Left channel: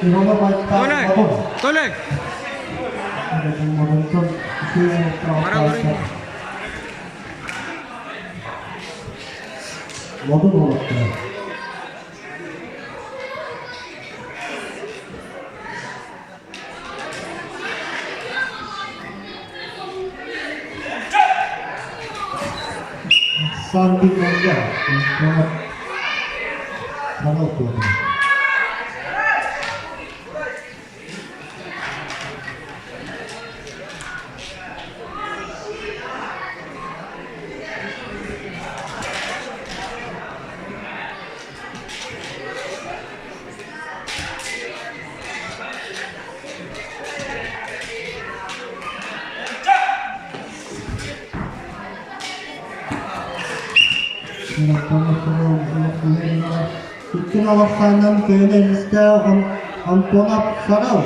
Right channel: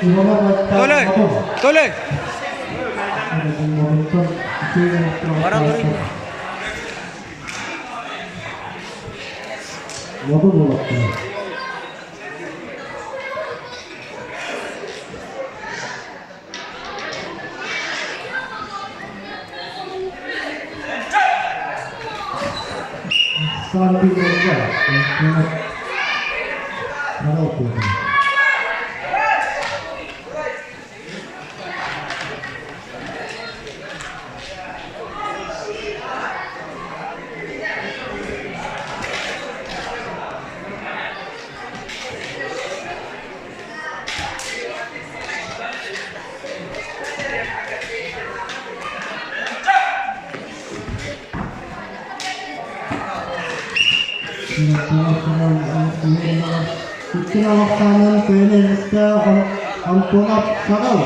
Tuloy! Tuloy! Parang rin. Samping aja, kalau tuh. Kita waktunya pilihan kita ang tulap sarau,